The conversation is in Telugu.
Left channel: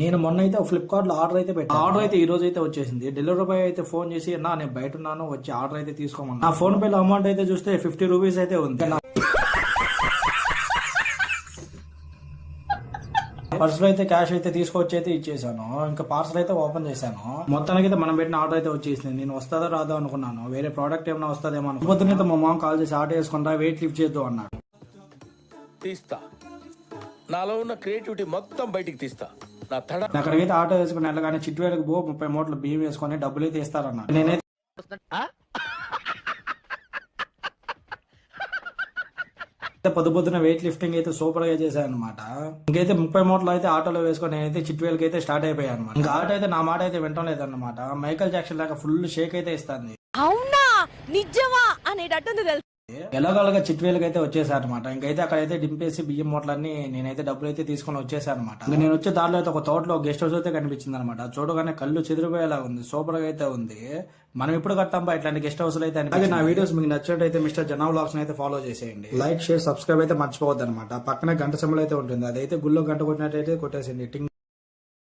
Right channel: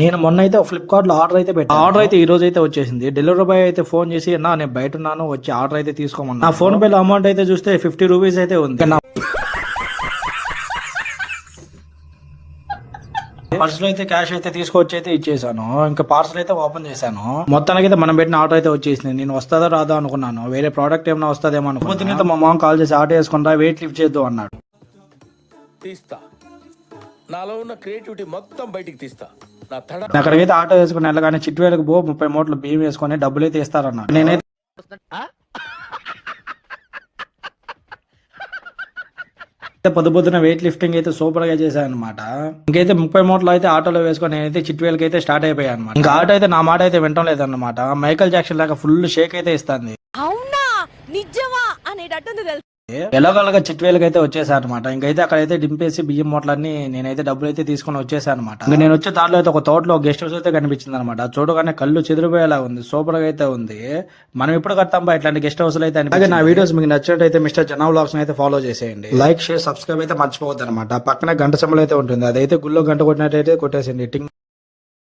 నేను మొన్న అయితే ఫ్లిప్కార్ట్ లో ఆర్డర్ అయితే పెట్టాను. ఆర్డర్ అయితే ఈ రోజు అయితే వచ్చేసింది. డెలివరీ బాయ్ అయితే ఫోన్ చేసి నేను బయట ఉన్నాను, వచ్చి ఆర్డర్ అయితే తీసుకోమన్నా. నా ఫోన్ పే లో అమౌంట్ అయితే చూస్తే 50 రూపీస్ అయితే ఉంది. నా పర్స్ లో అయితే క్యాష్ అయితే తీసుకొచ్చి అయితే ఇచ్చేసాను. ఇంకా పార్సల్ అయితే ఓపెన్ చేశాను. మొత్తానికి అయితే మనం పెట్టిన ఆర్డర్ అయితే వచ్చేసింది. నేను వస్తుందో రాదో అనుకున్నాను, వేరే ప్రోడక్ట్ ఏమైనా వస్తుందేమో అనుకుంటే మా మామ కాల్ చేసి ఆర్డర్ వేసుకుంటా, వెయిట్ లిఫ్ట్ చేద్దాం అన్నాడు. తీస్తా, నాలో ఉన్న క్రియేటివిటీ మొత్తం బయటికి తీస్తా. నా తడ అక్కడికైతే ఆటో వేసుకుని వెళ్ళగానే చిట్టువేలకు 30 మూటలు బియ్యం వేసుకొని డబ్బులు అయితే ఇస్తారన్నారు. నేనైతే పొద్దున వెయిట్ లిఫ్టింగ్ అయితే సూపర్ గా చేశాను అనమాట. ఇంకైతే 30 మూటలు అయితే ఆటోలో వేసుకొని నేనైతే చిట్టువేలకి అయితే స్టార్ట్ అయిపోయాను అనమాట. ఇంకా ఆటో అయితే నా మాట అయితే వింటం లేదన్నమాట. మైకల్ జాక్సన్ లాగా ఫుల్ షేక్ అయితే ఇస్తుంది. అవునా నిజమా అనేటట్టుంది తెలుసు. ఎలాగోలాగా చిట్టువేలకి అయితే వచ్చేసాను అనమాట. ఇంకైతే అక్కడైతే దింపేసి బియ్యం మూటలన్నీ నేనైతే డబ్బులు అయితే తీసుకొని వచ్చేసాను అనమాట. ఇంకా నేను వచ్చే దారిలో అయితే ఒక తోటలో గెస్ట్ హౌస్ అయితే కనిపించింది అనమాట. చూడగానే కళ్ళు చెదిరిపోయేలా ఉంది, సూపర్ గా అయితే ఉంది. మనం ఇప్పుడు కడతాం ఇట్లాంటి గెస్ట్ హౌస్ అయితే. అలాగే నా వీడియోస్ మీకు నచ్చినట్టయితే మిస్టర్ జనా వ్లాగ్స్ అయితే ఫాలో చేసేయండి. లైక్ షేర్ సబ్స్క్రైబ్ అయితే మర్చిపోవద్దు అనమాట. పక్కనే గంట సింబల్ అయితే ఉంటుంది, అదైతే గుళ్ళో గంట కొట్టినట్టయితే కొట్టేసింది.